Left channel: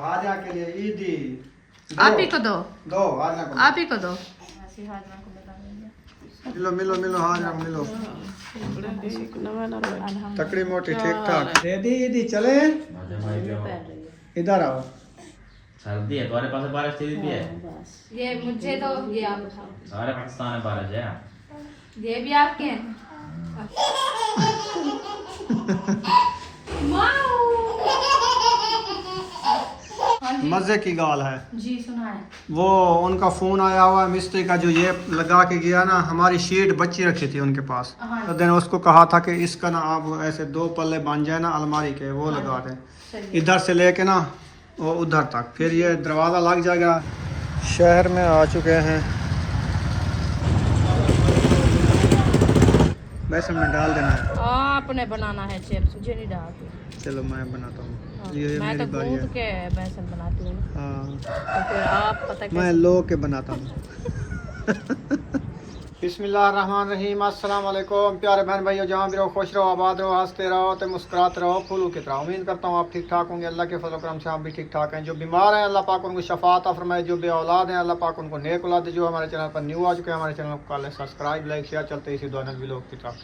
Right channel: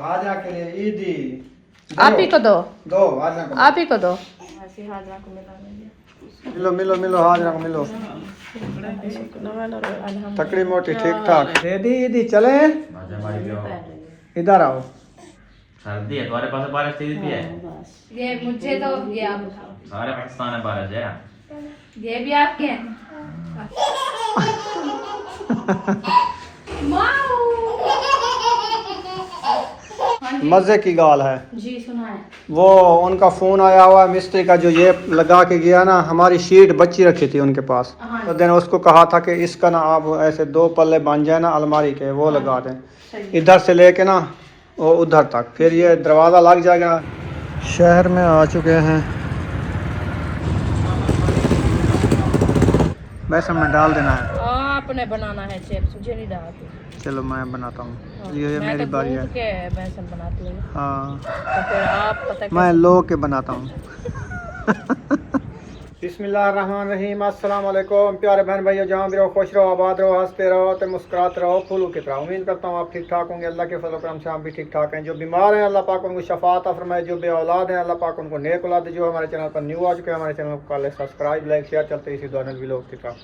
हाजरा के लिए ईदी आप ही को दो, दो हाजरा को आप ही को दो। मिलो मिलो मिलो हाजरा को मिलो। तकड़ी मोटी ठीक ठाक दे दी ईदी चले इधर आओ। सर्दी है तुम्हारे पास बारिश थी दी है। ये मुझे दो, ये आप उठाओ। सारे पाकिस्तान में बारिश है। ये भी आपके हैं। मजे की गाल है जी सुनाए। वो उनका फोन आया हुआ है मिस्त्री का, जो ये लगा के गया ना, हमारी शीट बच्ची रखी थी उनके पास। हाँ। तो दिन उसको कहा था कि इसका ना आप ऐसे 2 पल्ले बन जाए ना अलमारी के, वो लगा दें इधर से लेके ना वो उधर तक, फिर ये दरवाज़ा लग जाएगा। शहर में आ चुके हैं, बेसन में डाल देना है। आपने बनाना है चिप्स, मुझे नहीं डालती। चलो मैं बनाता हूँ, ये मैं मेरी तो बारी गूंथ है। के बेसन बनाती हूँ। हाँ तो फिर आप पता मैं लो के बनाता हूँ। बिस्मिल्लाहिर्रहमानिर्रहीम, अस्सलाम वालेकुम प्यारे बहन भाइयों, जहाँ भी रहो खुश रहो, आबाद रहो, हंसते रहो तो मुस्कुराते रहो फूलों की तरह। उम्मीद करता हूँ आप ठीक ठाक होंगे। अल्लाह के फजल करम से आप भी ठीक ठाक हैं। जो बीमार हैं अल्लाह पाक उनको शफा अता फरमाए, जो बे औलाद हैं अल्लाह पाक उनको नेक औलाद दे। जो हमारे चैनल पर न्यू आ चुके हैं, हमारे चैनल को कर ले सब्सक्राइब, लाइक शेयर, चलते इसी दौरान व्लॉग की तरफ।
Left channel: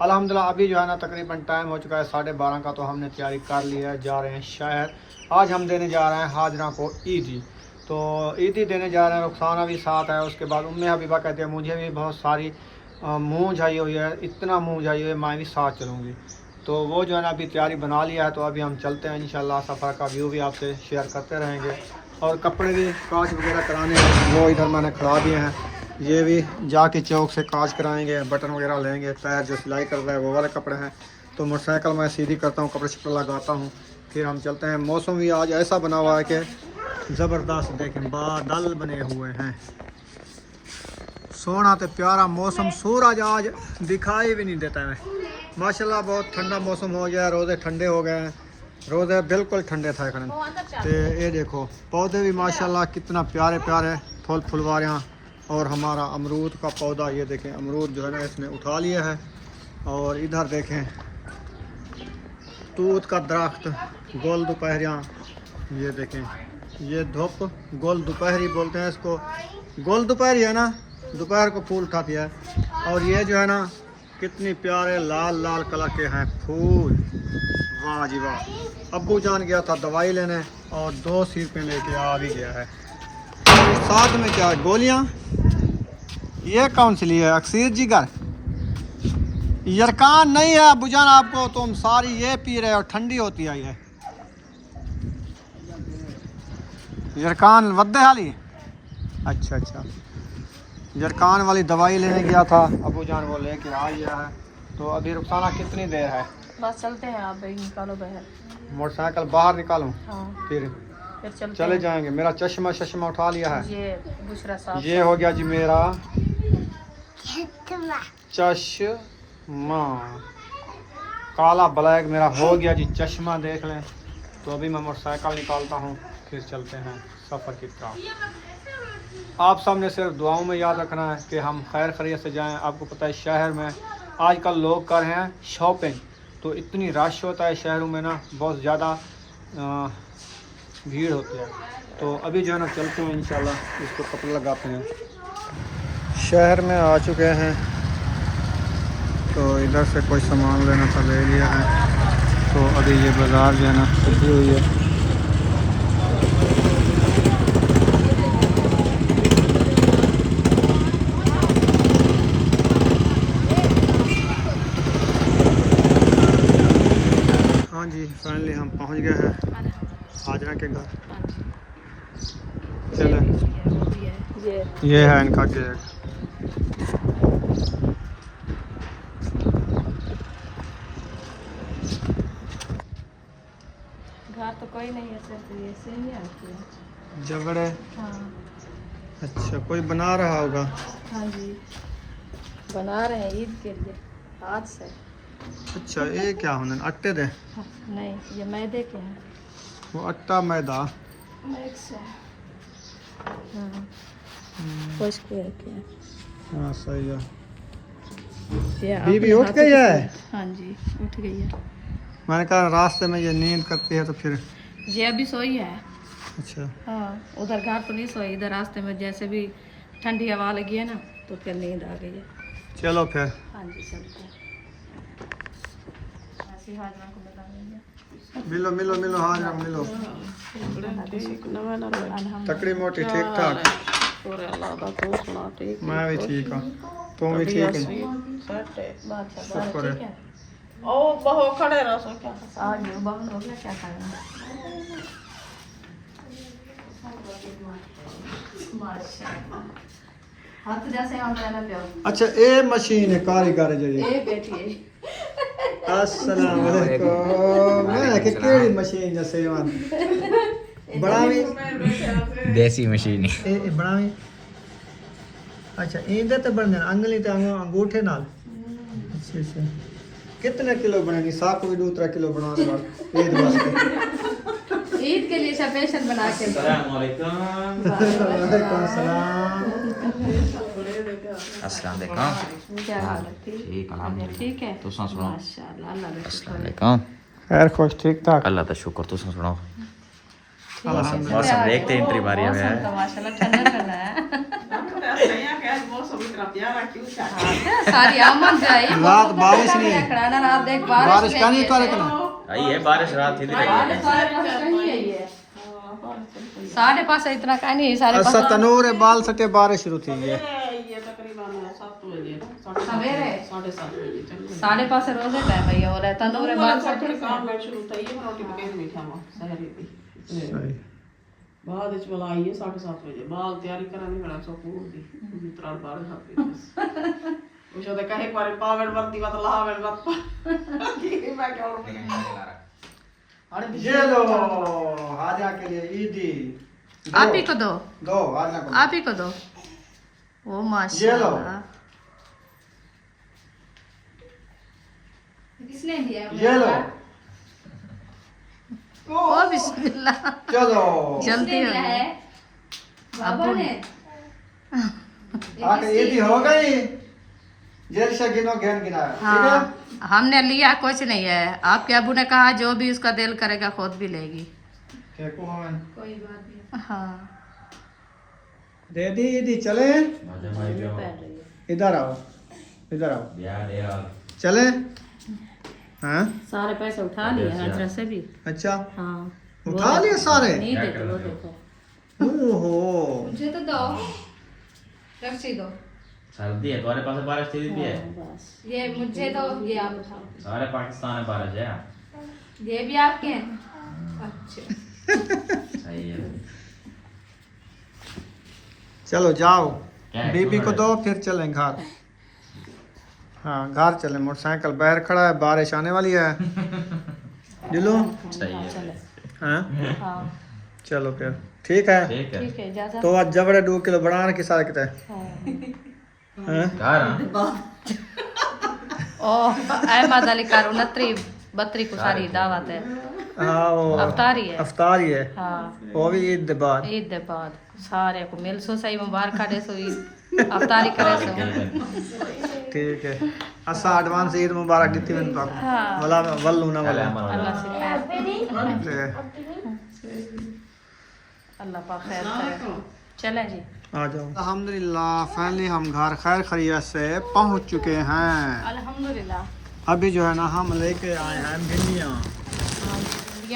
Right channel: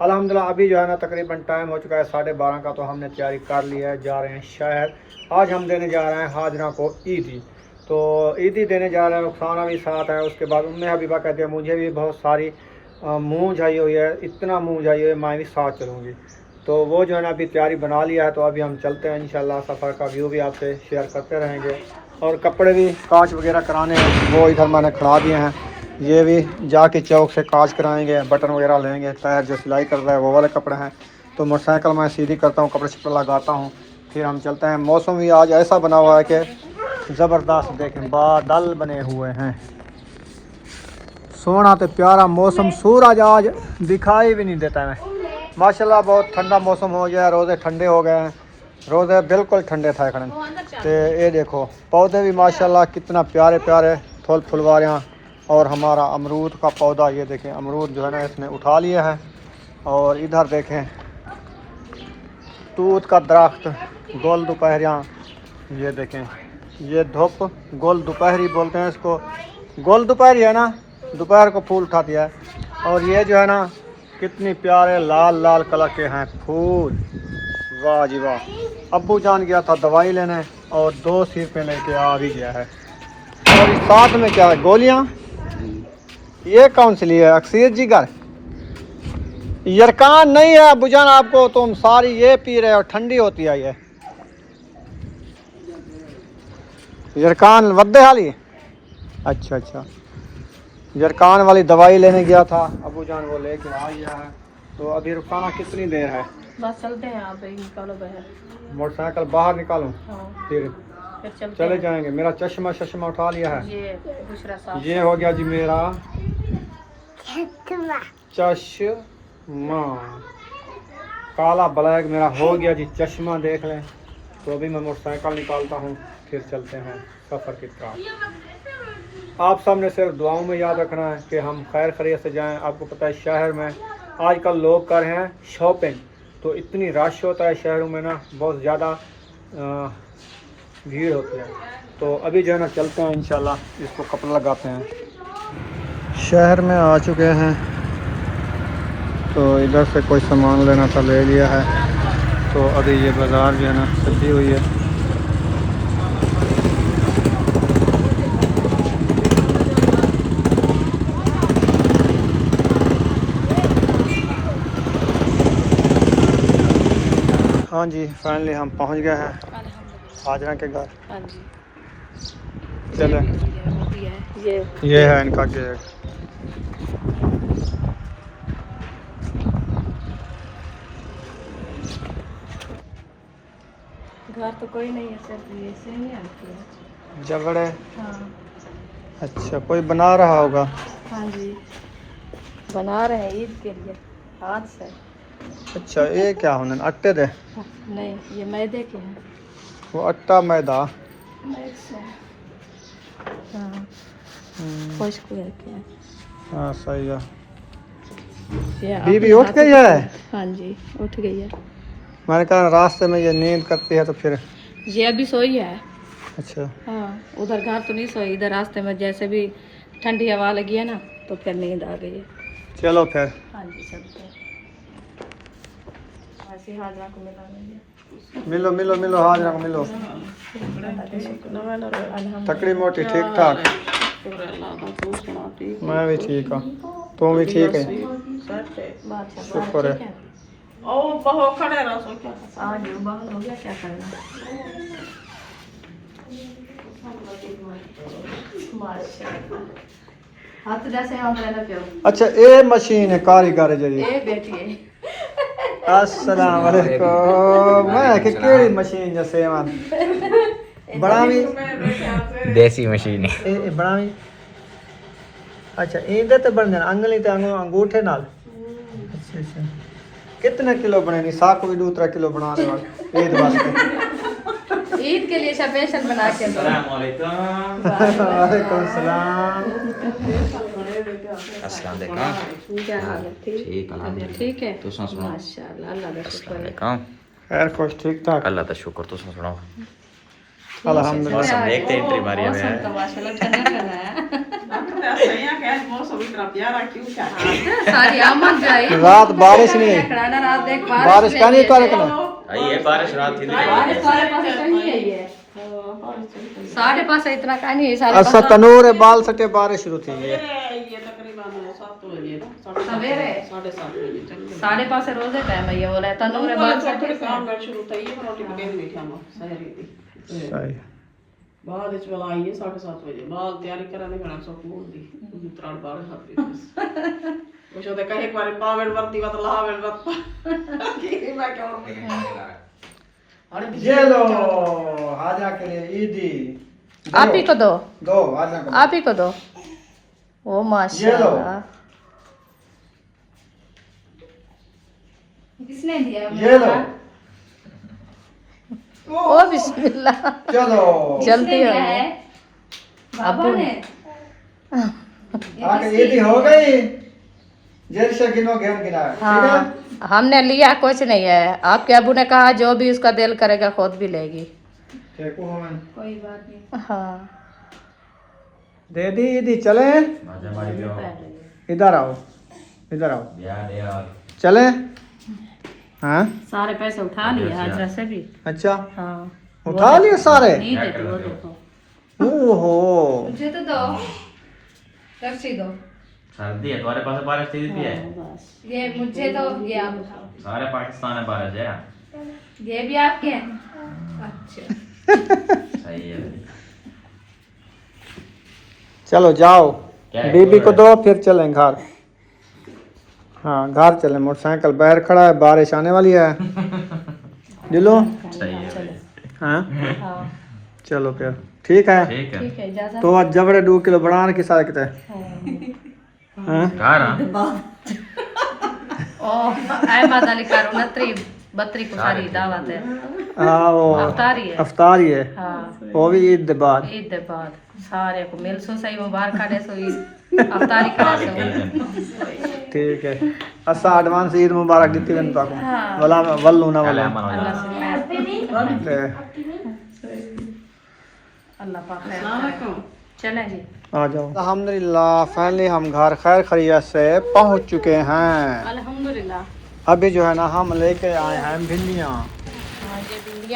अल्हम्दुलिल्लाह अभी जो है ना तकरीबन टाइम हो चुका है 12:30 का, तो हमने तैयारी कर ली है, जा रहे हैं शहर। आज हम देने जा रहे हैं हाजरा को ईदी, तो ईदी देने जा रहे हैं। रुखसाना भी साथ है, उसके बाद उम्मे हबीबा कहते हैं मुझे भी बहुत सारी मुँह झाई हुई है, इतना मुँह झाई हुई है, मैं भी साथ चलूँगी। तो वो जो है ना अभी तैयारी बना लिया है, तो अभी हम चलते हैं इंशाल्लाह। सफ़र का व्यू भी आपसे शेयर करते रहेंगे, और कपड़े भी कांच वगैरह कराने वो इधर मैंने खड़ा दिए हैं। ये भी जाके चौक से कांच कराएंगे, बटन वगैरह लेंगे, टायर जो सिलाई कर रहा है वो वाले कपड़े हैं। तो मोटरसाइकिल मैं सीधी करता हूँ, कपड़े शपड़े लगाता हूँ, फिर हम चलते हैं। मौसम भी आज ऐसा बना हुआ है कि ज़बरदस्त, देखें बादल बने हुए हैं, सोना तो प्यारा मौसम, सूरज आज दिखाई भी नहीं देता है माशाल्लाह। बहुत ठंडा मौसम हो गया है, रोज़े ठंडे हो गए हैं, रोज़े बिल्कुल ठंडे था खड़े। तो ये देखो पौधे भी माशाल्लाह कितना प्यारे प्यारे फूल फुलवारियाँ, और हमारा अमरूद का पौधा, ये देखें अमरूद जो है ना इसने उठा लिया है। और इधर देखें तूत का दरख्त, गोल दोपहरियाँ, ये देखें ये धूप गोल दोपहरी बोलते हैं इसको, गोल दोपहरी है ना, दोपहर को फूल उठा दिया है। और ये जो है ना कितनी प्यारे लाल लाल कलर के हैं फूल, वाह जी वाह। अब्बू जान गया था दवाई लेने और 2 सिरपे लेके आ भी गया है। और इस साथ में क्या है, गोलियां, ये कौन सी ली है, अक्सीर जिगर, यरकान नहीं है अब्बू जान आपको, तुम सारी ये पी रहे हो, ठंडी होती है ये यरकान वद्दे वाली। अच्छा अच्छा, जरकान वाली दवाई लेने गया था अबू जान, वो लेके आ गया है। तो अभी रुखसाना कितनी देर है, बस चलते हैं, आप निकालो बाहर, मोटरसाइकिल बाहर निकालूं? हाँ। फिर चले जाएंगे। मेरा चश्मा उठा लिया है, ये हो गया जी मेरा चश्मा, काला ब्लैक मेरा हो गया जी चश्मा, देख लें। तो अभी मैं मोटरसाइकिल निकालता हूँ, फिर चलते हैं सफ़र की तरफ। आप सब ने सिर्फ दुआओं में याद रखना है कि हम खैर खैरियत से जाएं। आपको पता है शहर में आजकल लोग कर रहे हैं शॉपिंग, तो इतनी रश होता है शहरों में ना, बहुत ज़्यादा भीड़ होती है। तो अभी जो है ना चलते हैं इंशाल्लाह, इसको कपड़ा लगाते हैं। शहर में आ चुके हैं, तो इधर से कोई सामान लेना था ले लिया है। तो अभी ये बाज़ार जो है ना सजी हुई है। हाँ जी, फाइनली हम पहुंच गए हैं हाजरा के घर। हाँ जी। चले, ये है इनका गेट। घर तो कोई नहीं है, सिर्फ ये से ही आती है झगड़े। हाँ। अच्छा, कोई बना रहा होगा। हाँ जी, बना रहे हैं ईद के लिए हाथ से। अच्छा, ये क्या होने आटे दे? हाँ, नहीं ये मैदे के हैं। वो आटा मैदा मिक्स है। हाँ, खुश के रखे हैं। हाँ सही है। ये बीबी अपने उठ हाथों गई से- है? हाँ जी उठ गई है। मैंने कहा रास्ते में ये नींद करती है तो फिर। ये अभी सोई है। अच्छा हाँ उधर घर तो नहीं सोई, इधर रास्ते में जैसे भी ठंडी हवा लगी है ना तो फिर नींद आ गई। चलो फिर। हाँ जी चलते हैं। ऐसे हाजरा को मिला लेंगे। मिलो मिलो मिलो, हाजरा को मिलो। तकड़ी मोटी ठीक ठाक। मैं भी ठीक हूँ, तुम भी ठीक है? शुक्र है। ओ बहुत खड़े रहो सो क्या आज बाहर हो गया क्या करना। हाथ जैसे हम लेना प्यार। अच्छा ये मशीन है कारीगर जी? ए बेटी है। अस्सलाम वालेकुम। मैं कि केड़ी मशीन जैसे मन बनावी देसी मशीन है। ए बनावी। अच्छा इंदे ते बन जाना अंगली ते अंगूठे नाल। अच्छा अच्छा कितने किलो बनेगी? 7 भी 2-3 किलो बना रहे हो ईद वास्ते? ईद के लिए स्पेशल बना के। अस्सलाम वालेकुम। वालेकुम सलाम। अस्सलाम वालेकुम। क्या हाल है? ठीक अल्हम्दुलिल्लाह। ठीक है तुसां सुनाओ? माशाल्लाह अल्लाह का अस्सलाम शुक्र है। वालेकुम। खैर खुश ठीक ठाक अल्लाह का शुक्र। तुसां सुनाओ? अल्हम्दुलिल्लाह। मौसम देखते एंट्री मारी है। मौसम तो माशाल्लाह ठंडा ठंडा है। सारी अमन जाए। रात बारिश नहीं आई। खड़ा ना रात देख बारिश का नहीं करे कना। आई है बारिश रात थी। बारिश सारे पासे कहीं आई है। साढ़े पास इतना का नहीं सारे अच्छा तनूर है बाल सटे बारिश शुरू थी है। सवेरे 7:30 रोजे टाइम भैया हो रहा है तंदूर बाल सटे सही बाद ਵਿੱਚ ਵਾਲਾ ਆਈ ਹੈ 7:30 ਵਜੇ ਬਾਲ ਤਿਆਰੀ ਕਰਨ ਨਹੀਂ ਬਣਾ ਸਕੂਲ ਦੀ ਉਹਦੀ ਤਰ੍ਹਾਂ ਬਾਹਰ ਖਾਤੀ ਉਹ ਸ਼ੋਦਾ ਕਹੇ ਇੱਕ ਵਾਰ ਪਾਵਣ ਵਰਤੀ ਵਤ ਲਾਵਣ ਵਤ ਕੀ ਮੈਂ ਕਿਉਂ ये लो हाजरा के लिए ईदी। आप ही को दो दो हाजरा को। आप ही को दो। ओ माशाल्लाह किसने दिया? ये लो। ओ बिस्मिल्लाह। चलो जल्दी हो अब्बू ने। आके ईदी हो गई। जेल से गिनो घेन गिना। हाँ हमने लिया कुछ नहीं है। आपके अबू ने कहा जो भी उसका दिल करेगा खुद भी लेगी। कोई बात नहीं। हाँ दे दी ईदी। चले आजा भाई ब्याह। इधर आओ इधर आओ ब्याह दे यार। चले। हाँ सारे पैसे उठा लिए हाजरा से भी। अच्छा हाँ उठा लिए सारे। नहीं देते वो देखो। ओहो मुझे तो दो रस्सी दो। सर्दी है तुम्हारे पास बारिश थी है। ये मुझे तो ये आप उठाओ। सारे पाकिस्तान में बारिश है। ये भी आपके हैं? अच्छा सही है। चलो जाओ क्या है? बीबी को दो फिर चलें घर। हाँ घर चलें। मोटरसाइकिल बाहर खड़ा है बारिश आने वाली है। दिलो सही है। चलो हाँ हाँ चलो फिर ठीक है। ठीक है। ठीक है इजाजत। तो आज जबड़े 2 किलो बढ़ाने की सारे कितने हाँ कहाँ ना? ओ अहमद अली का 29 को सारी दावत है। हाँ वो अफ्तारी है। अफ्तारी है हाँ वो भी ईद के बाद। ईद के बाद सारे को मिल सो सही मुबारक दे सो ईद अफ्तारी करे सो। ठीक है असा एडवांस ईद मुबारक दी वन पाको हाँ। वला वल्लू ना वला अल्लाह से मैं ते अल्लाह पाक खैर करे। चलें जी आ जाओ। अल्हम्दुलिल्लाह फाइनली हम घर खैर खैरियत से पहुंच चुके हैं। अल्हम्दुलिल्लाह। अभी जो है ना हम लेके आए हैं भिंडियाँ।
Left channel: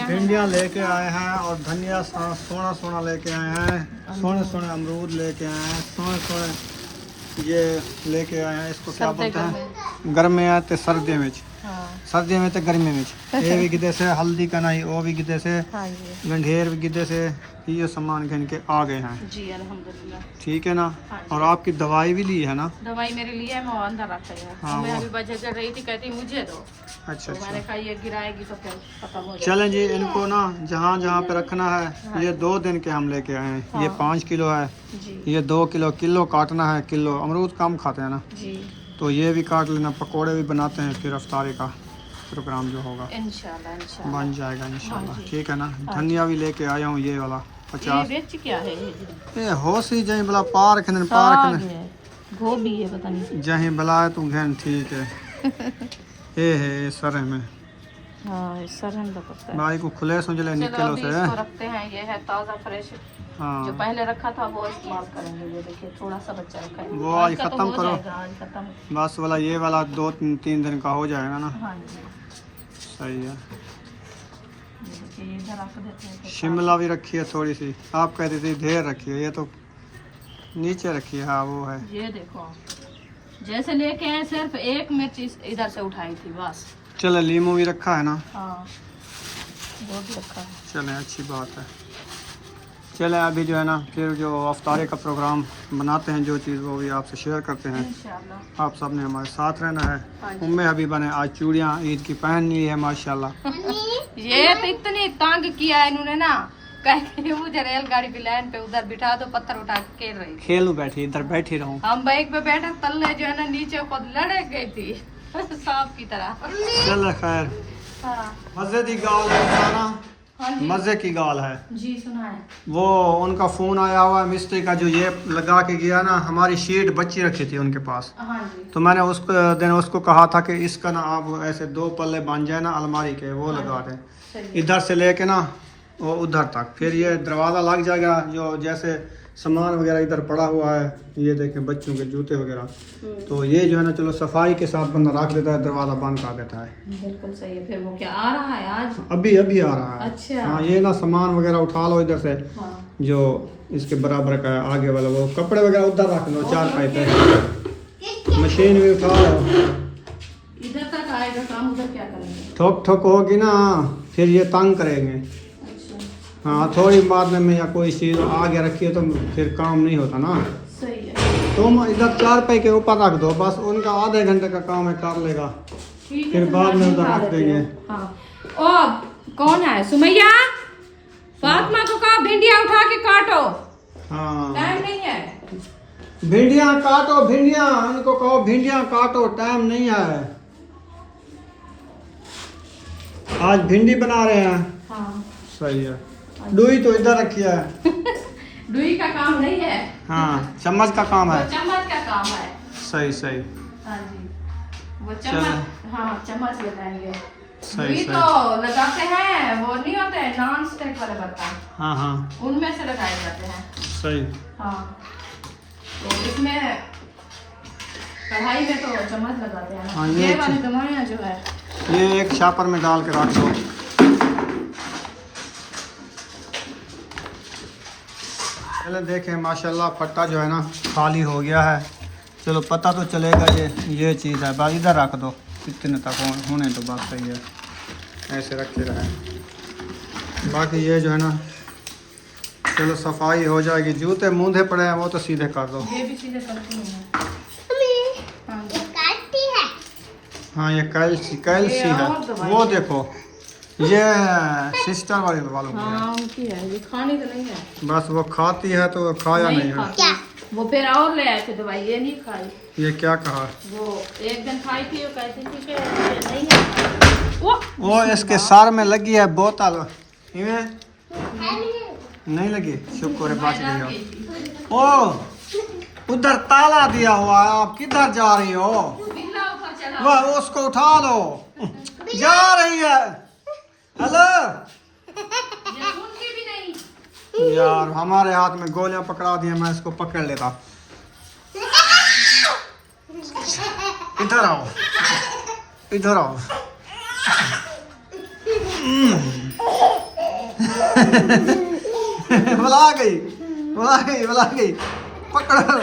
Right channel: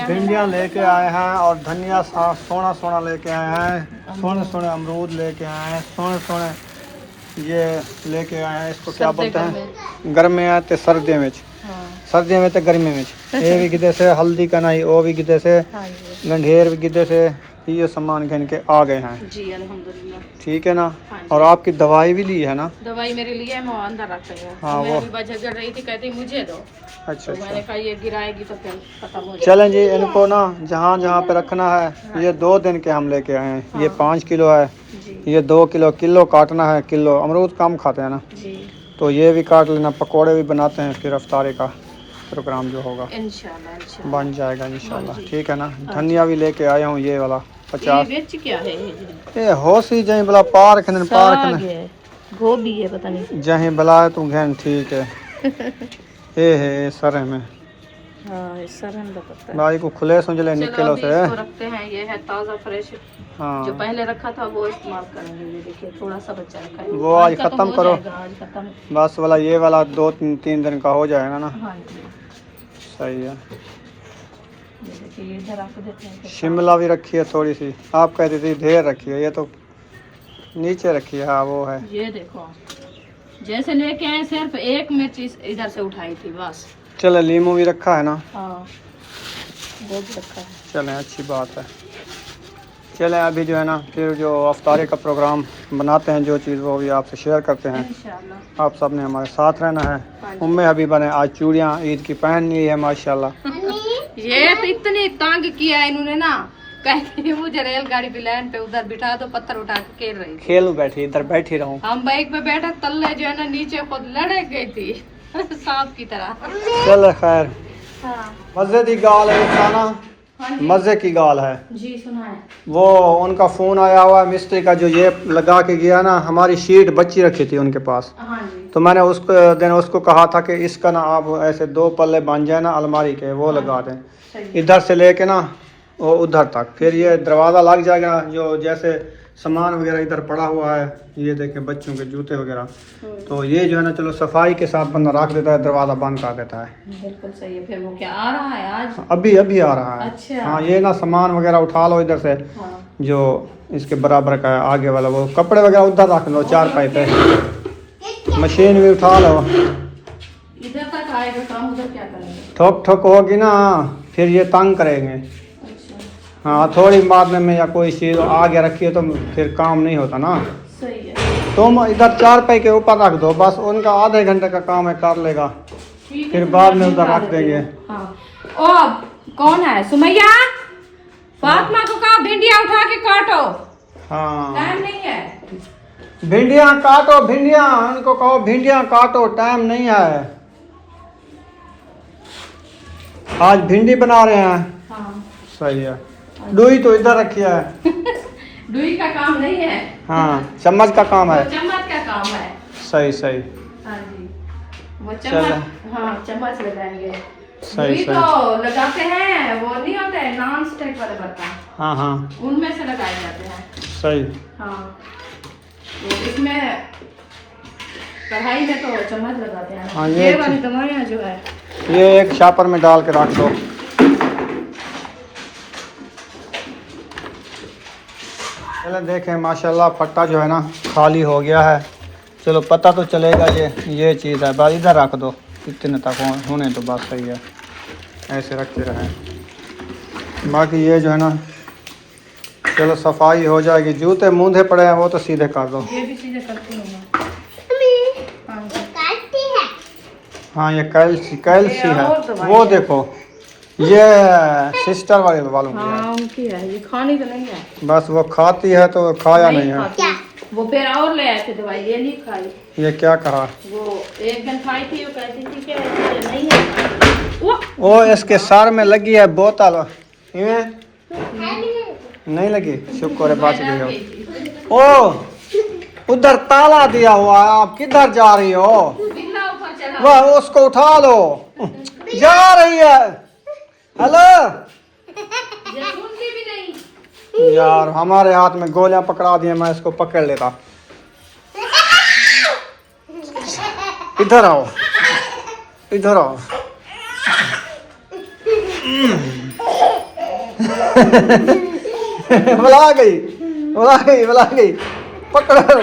भिंडियाँ लेके आए हैं और धनिया सोना सोना लेके आए हैं। सोने सोने अमरूद लेके आए हैं। सोने सोने ये लेके आए हैं। इसको क्या बोलते हैं? गर्मी है तो सर्दियों में। हाँ सर्दियों में तो गर्मी में। ये भी गिदे से हल्दी का नहीं वो भी गिदे से हाँ जी गंढेर भी गिदे से ये सामान घन के आ गए हैं। जी अल्हम्दुलिल्लाह। ठीक है ना। हाँ जी। और आपकी दवाई भी ली है ना? दवाई मेरे लिए मैं अंदर रख गया। हाँ, मैं वो- अभी बजा कर रही थी कहती मुझे दो अच्छा तो मैंने अच्छा कहा ये गिराएगी तो फिर खत्म हो जाएगा। चलें जी इनको ना जहाँ जहाँ पे रखना है ये 2 दिन के हम लेके आए हैं। ये 5 किलो है। जी ये 2 किलो किलो काटना है। किलो अमरूद कम खाते हैं ना जी तो ये भी काट लेना। पकोड़े भी बनाते हैं फिर अफ्तारी का प्रोग्राम जो होगा इंशाल्लाह इंशाल्लाह। बन जाएगा इंशाल्लाह। हाँ जी। ठीक है ना। धनिया भी लेके आया हूँ ये वाला ये 50। मिर्च क्या है ये जी? ये होशी जहीं बला पार खन पार साग खन है गोभी है पता नहीं। जहीं बला तू घन ठीक है। ये है सर में हाँ इस सर में बताते हैं। भाई को खुले सुझले चलो निकलो अभी से। इसको रखते हैं, ये है ताज़ा फ्रेश। जो हाँ पहले रखा था वो इस्तेमाल करेंगे। ये देखिए थोड़ा सा बचा है, वो आज का तो खत्म हो करो। जाएगा, आज खत्म। बस वाला ये वाला 2-3 दिन का हो जाएगा ना। हाँ जी, सही है। ये देखिए ये इधर रख देते हैं। शिमला भी रखी है थोड़ी सी, आप कहती थी ढेर रखी है, ये तो नीचे रखी है। हाँ वो है। ये देखो जैसे लेके आए सिर्फ एक मिर्च इधर से उठाई थी बस। चले लीमू भी रखा है ना। हाँ वो भी रखा है। चलें अच्छी बात है। चलें अभी जो है ना फिर जो अफ्तारी का प्रोग्राम बनाते हैं, जो चीज़ वो भी आपसे शेयर करते हैं। इंशाल्लाह। आप सब ने हमारे साथ रहना है। हाँ जी। उम्मे हबीबा ने आज चूड़ियाँ ईद की पहनी है माशाल्लाह। ये तो इतनी तंग किया है इन्होंने ना, कहते मुझे रेलगाड़ी पे लाइन पे उधर बिठा दो, पत्थर उठा के खेल रही थी। खेलू बैठी, इधर बैठी रहूँ। हम बाइक पे बैठे, तल्ले जो है ना नीचे खुद लड़क गई थी सांप की तरह। चल खैर, हाँ मज़े की गाल है खाना, हाँ जी। मज़े की गाल है। जी सुना है। वो उनका फ़ोन आया हुआ है मिस्त्री का, जो ये लगा के गया ना, हमारी शीट बच्ची रखी थी उनके पास। हाँ जी। तो मैंने उसको कहा था कि इसका ना आप ऐसे 2 पल्ले बन जाए ना अलमारी के, वो लगा दें सही। इधर से लेके ना वो उधर तक। फिर ये दरवाज़ा लग जाएगा, जो जैसे सामान वगैरह इधर पड़ा हुआ है, ये देखें बच्चों के जूते वगैरह, तो ये जो है ना चलो सफाई के साथ बंदा रख देता है, दरवाज़ा बंद कर देता है। बिल्कुल सही है। फिर वो क्या आ रहा है आज? अभी अभी आ रहा है। अच्छा। हाँ ये ना सामान वगैरह उठा लो इधर से, हाँ। जो इसके बराबर का है आगे वाला, वो कपड़े वगैरह उधर रख लो, 4 पाई पे। मशीन भी उठा लो। इधर तक आएगा काम, उधर क्या करेंगे? ठोक ठोक होगी ना, फिर ये तंग करेंगे। अच्छा हाँ थोड़ी मारने में या कोई चीज़ आगे रखिए तो फिर काम नहीं होता ना। सही है। तुम इधर 4 पाई के ऊपर रख दो, बस उनका आधे घंटे का काम है, कर लेगा। ठीक है, फिर तो बाद में मैं उधर उठा रख देती देंगे। हूँ। हाँ। ओ कौन है? सुमैया, फातिमा को कहा भिंडिया उठा के काटो, हाँ टाइम नहीं है। भिंडियाँ काटो, भिंडियाँ, उनको कहो भिंडियाँ काटो, टाइम नहीं है। आज भिंडी बना रहे हैं। हाँ सही है। डुई तो इधर रखी है। डुई का काम नहीं है। हाँ चम्मच का काम वो है। चम्मच का काम है। सही सही। हाँ जी, वो चलो। चम्मच, हाँ चम्मच लगाएंगे। सही डुई सही। तो लगाते हैं, वो नहीं होते हैं नॉन स्टिक वाले बर्तन, हाँ हाँ उनमें से लगाए जाते हैं। सही। हाँ तो इसमें कढ़ाई में तो चम्मच लगाते हैं। हाँ, ये ये वाली दवाइयाँ जो है ये एक शापर में डाल के रख दो। चलो देखें माशाल्लाह फट्टा जो है ना खाली हो गया है। चलो पता तो चलेगा ये चीज़ है, बस इधर रख दो, इतने तक होने तो बात सही है, ऐसे रखे रहे। बाकी ये जो है ना चलो सफाई हो जाएगी। जूते मूंधे पड़े हैं वो तो सीधे कर दो। ये भी चीजें करती हूँ मैं। हाँ जी। हाँ ये कैल्सी है, और दवाई वो है। देखो ये सिस्टर वालों की है। हाँ उनकी है, ये खानी तो नहीं है। बस वो खाती है तो खाया नहीं है। खाती। वो फिर और ले आए थे दवाई, ये नहीं खाई। ये क्या कहा? वो एक दिन खाई थी, वो कहती थी कि ये नहीं है। वो इसके सर में लगी है बोतल, इवें नहीं लगी। शुक्र है बात गई हो। ओ उधर ताला दिया हुआ है, आप किधर जा रही हो? बिल्ला ऊपर चढ़ा। वह उसको उठा लो, जा रही है। हेलो ये सुनती भी नहीं। यार हमारे हाथ में गोलियां पकड़ा दी हैं, मैं इसको पकड़ लेता। इधर आओ, इधर आओ। बुला गई, बुला गई, बुला गई। पकड़ो।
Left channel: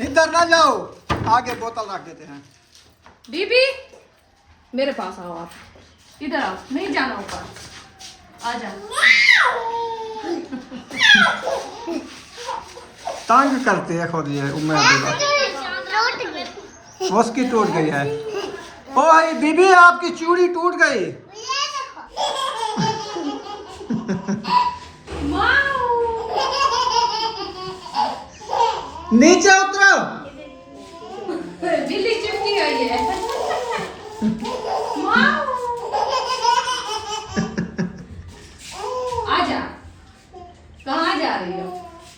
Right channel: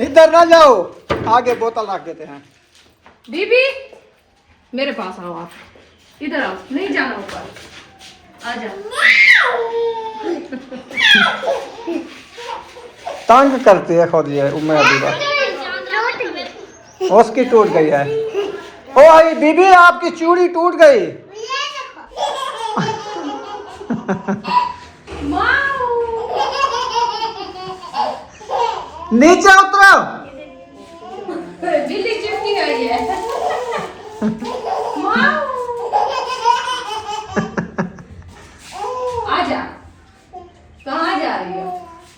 इधर ना जाओ, आगे बोतल रख देते हैं। बीबी मेरे पास आओ, आप इधर आओ, नहीं जाना ऊपर, आ जाओ। तंग करती है खुद ये उम्मे हबीबा। उसकी टूट गई है। ओ भाई बीबी आपकी चूड़ी टूट गई। नीचे उतरो। बिल्ली चिपकी गई है। आजा, कहाँ जा रही हो?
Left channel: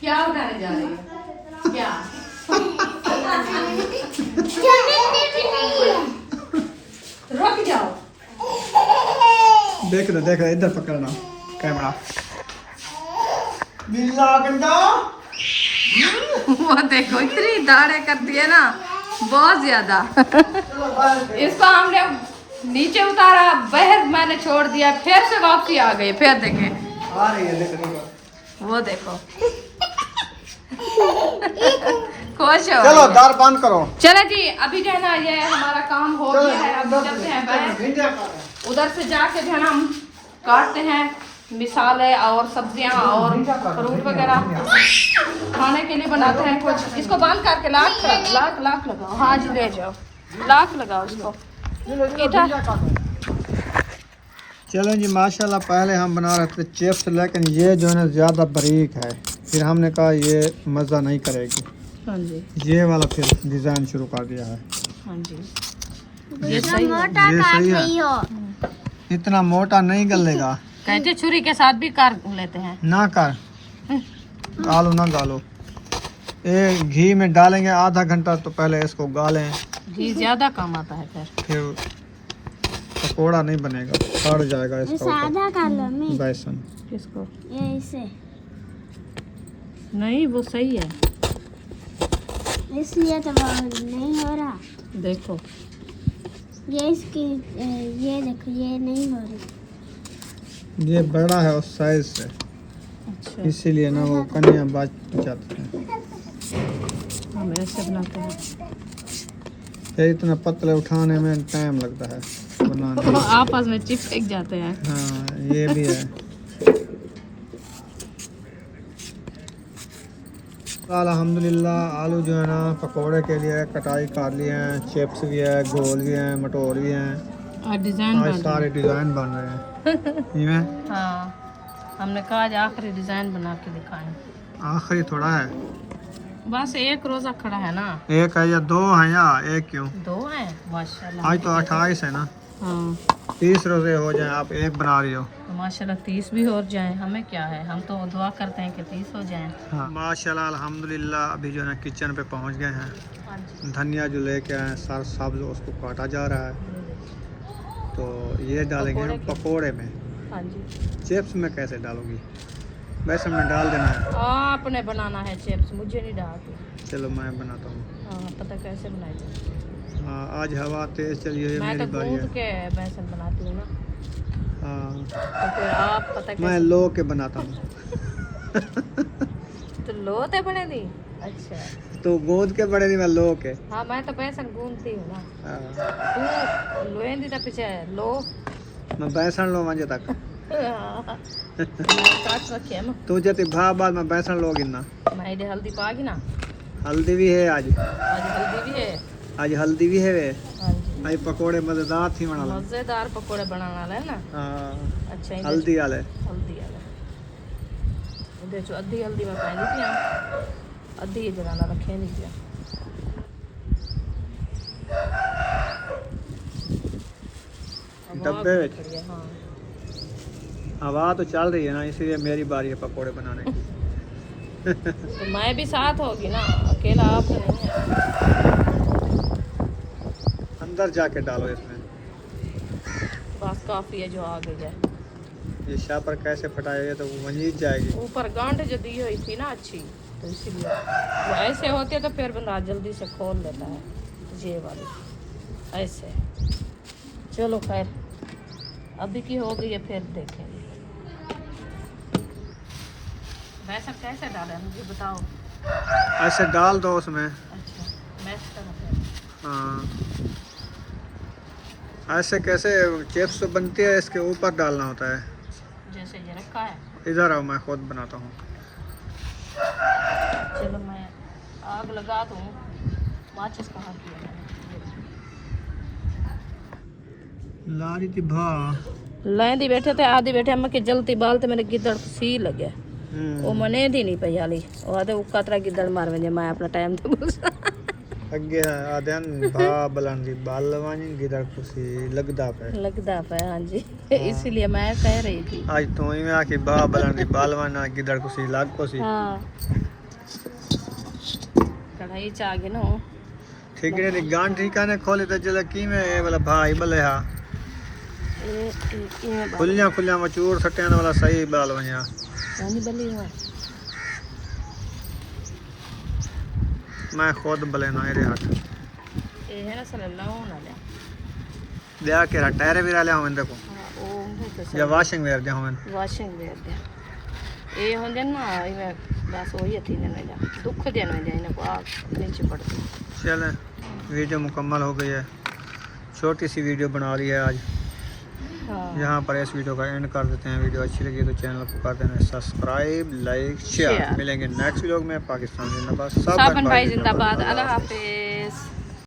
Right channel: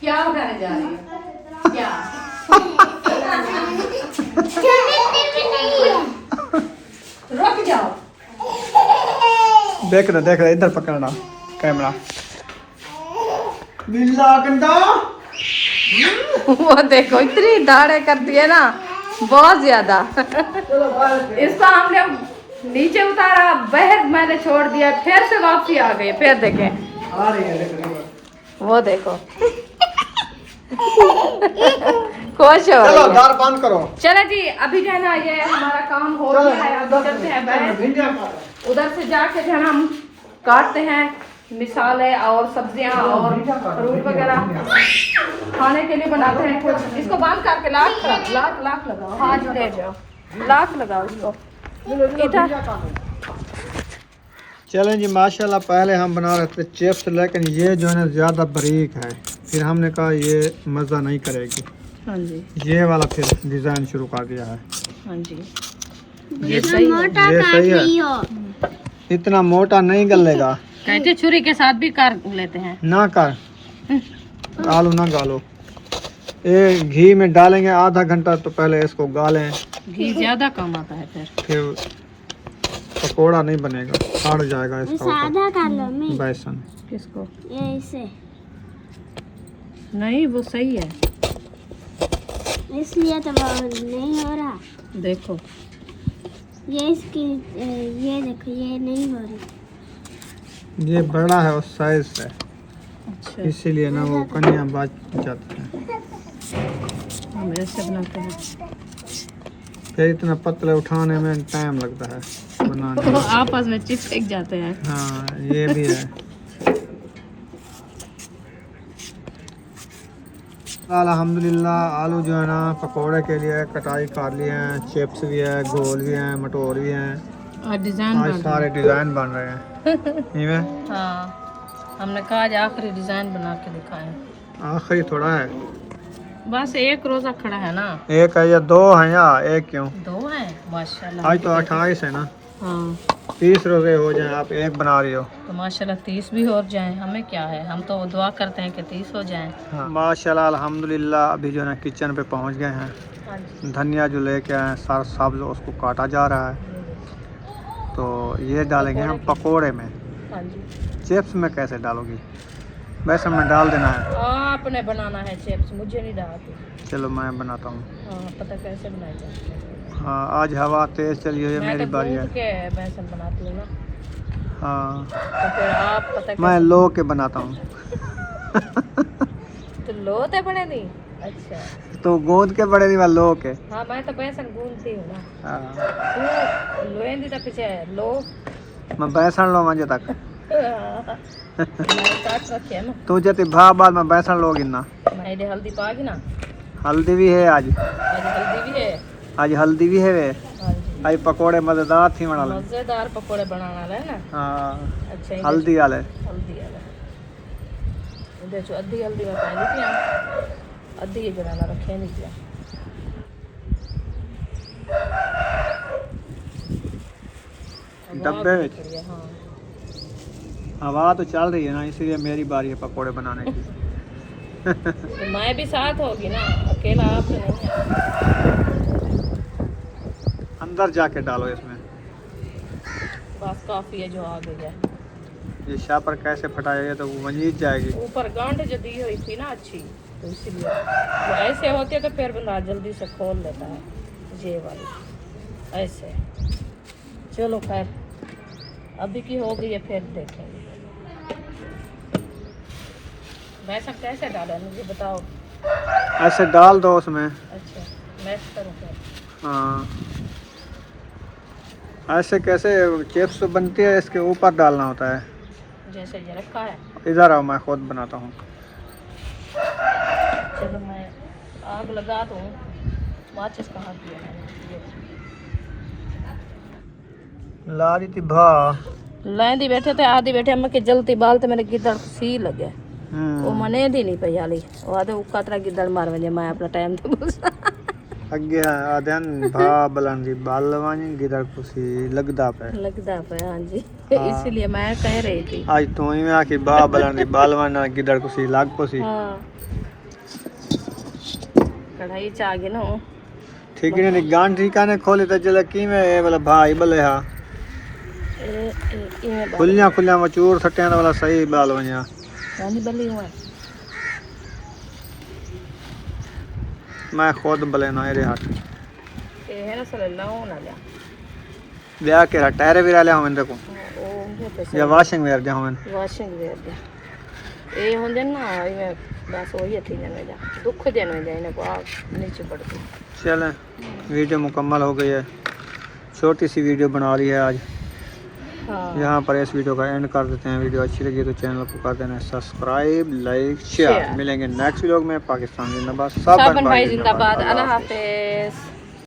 क्या उठाने जा रही हो? क्या? देख रहे इधर पकड़ना कैमरा। मिला गंदा। वो देखो इतनी दाढ़े करती है ना, बहुत ज्यादा। इसको हमने नीचे उतारा, बहस मैंने छोड़ दिया, फिर से वापसी आ गई। फिर देखें, आ रही है लकड़ी। वो देखो खुश हो चलो रही है। दार बंद करो। चले जी, अभी जो है ना ये हमारा काम हो गया है। अब उधर से है बैठ, उधर से जाके जो है ना हम काटते हैं मिसाले और सब्जियां और फ्रूट वगैरह खाने के लिए बनाते हैं कुछ। इसको बंद करके लाख लगाओ। हाँ जी ले जाओ, लाख लगाओ इसको इधर। चलें जी माशाल्लाह, पहले हम बना रहे थे चिप्स, लेकिन ये जो है ना ज़्यादा बारीक है, फिर हमने कहा ये मज़ा नहीं करेगी। हाँ जी, ये वाला फिर डिज़ाइन शुरू कर दिया है। हाँ जी, ये सही है। इतना मोटा नहीं गलेगा। कहते छुरी के साथ भी कर लेते हैं। ना कर, आलू ना गालो। ये घी में डालेंगे आधा घंटा, तो पहले इसको गालें, घी ज्यादा कम आता है फिर पकोड़ा नहीं बनेगा, सड़ जाएगा इसका ऊपर बेसन। किसको नहीं, वो सही है इसलिए तो नहीं हो रहा। देखो ये इसकी ये देखो, ये नहीं हो रही। ये बड़ा है उस साइज से, अच्छा इसीलिए ना वो कन्या बच जाते हैं। हम ऐसे बनाते हैं। फिर इतना पतले उठाने में टाइम लगता है बनाने में। आपस में चिपक जाते हैं। हाँ ये भी है। अल्हम्दुलिल्लाह आलू जो है ना पकोड़े के लिए कटाई कर लिए हैं, चिप्स भी है, गोल भी हैं, मटोर भी हैं, और डिजाइन आज सारे डिज़ाइन बन रहे हैं। इनमें हाँ, हमने कहा आज आखिरी डिजाइन बना के दिखाएं। आखिरी थोड़ा है, बस एक रोजा खड़ा है ना। एक है या दो है या एक क्यों? दो हैं माशाल्लाह। आज तो 28 है ना, हाँ 30 रोजे हो जाएं, आप एक बना रही हो। तो माशाल्लाह 30 भी हो जाए, हमें क्या है, हम तो दुआ करते हैं कि 30 हो जाएं। हाँ माशाल्लाह अल्हम्दुलिल्लाह। अभी जो है ना किचन पे पहुंच गए हैं। हाँ जी, धनिया जो लेके आए सार सब लोग उसको काटा जा रहा है, तो ये डालेंगे हम पकोड़े में। हाँ जी, चिप्स में कैसे डालोगी? बेसन में डाल देना है। आपने बनाना है चिप्स, मुझे नहीं डालती। चलो मैं बनाता हूँ। हाँ पता कैसे बनाई जाती है। हाँ आज हवा तेज चली हुई है, मैं मेरी तो बारी गूंद है। के बेसन बनाती हूँ ना, हाँ तो फिर आप पता मैं कैसे लो के बनाता हूँ। तो लोते बने दी। अच्छा तो गूंद के बड़े नहीं, मैं लो के। हाँ, मैं तो बेसन गूंदती हूँ ना। हाँ, तू लोएंदी तो पीछे लो। मैं बेसन लो मंजे तक। मैं काट रखी है ना, तू जति भा बाद में बेसन लोगी ना। मैं इधर हल्दी पागी ना। हल्दी भी है आज। आज हल्दी भी है। आज हल्दी भी है वे। हाँ जी, आज पकोड़े मजेदार थी बना ले। मजेदार पकोड़े बनाना है ना। हाँ अच्छा इधर हल्दी वाले। हल्दी वाला इधर जो अद्धी हल्दी में पानी पिया, अद्धी ये जलाना रखे नहीं पिया। डब्बे में। हाँ हवा तो चल रही है ना, इसीलिए मेरी बारी है पकोड़े बनाने की। तो मैं भी साथ होगी ना, अकेला आप तो नहीं है। अंदर जाके डालो इसमें। बस काफी है जो आगे जाए। ये शापर कैसे फटाएगा तो वो वहीं जाएगी। ऊपर गांठ जो दी हुई थी ना अच्छी, तो इसीलिए वो ऐसे होते तो फिर बंदा जल्दी से खोल लेता है। ये वाली ऐसे। चलो खैर अभी की हो गई है, फिर देखेंगे। वैसा कैसे डाला मुझे बताओ। ऐसे डाल दो उसमें। अच्छा मैं करूँ फिर। हाँ ऐसे कैसे चिप्स बनती है, इसके ऊपर डालना होता है। जैसे ये रखा है। इधर आओ, मैं खुद बनाता हूँ। चलो मैं आग लगा दूँ। माचिस कहाँ की है मैंने? ला रही थी भा। लेंदी बैठे थे, आधी बैठे हम के जलती बालते मेरे गिदड़ सी लगे। वो मने दी नहीं पई हाली, वो आधे उका तरह गिदड़ मार वजे, मैं अपना टाइम तो बोल अगे आदन भा बलंदी बालवानी गिदड़ कुसी लगदा पे। लगदा पे। हाँ जी, इसलिए मैं कह रही थी। आज तो ही में आके भा बलंदी बालवाना गिदड़ कुसी लाग कुसी। हाँ कढ़ाई चागे ना ठीक नहीं गांठ ठिकाने खोले तो जला की में मतलब भाई बले हा ये खुलियां खुलियां मचूर सट्टियां वाला सही बाल वञा यानी बल्ली हुआ मैं खुद बलेना रे हट ये है ना सल्लल्लाहु अलैहि ब्याह के टायर भी रहा हमें देखो ओ मुझे या वाशिंग वेयर जा हमें वाशिंग वेयर दे ये होंदे ना ये बस वही थी जने जा दुख जने जा इन्हें को आग नीचे पड़ती चलें वीडियो मुकम्मल हो गई है छोटी सी वीडियो बना ली है आज हाँ यहाँ पर इस वीडियो का एंड कर देते हैं वीडियो अच्छी लगी तो चैनल को कर देना सब्सक्राइब लाइक शेयर मिलेंगे नेक्स्ट वीडियो में पाकिस्तान जिंदाबाद साबन भाई जिंदाबाद अल्लाह हाफिज।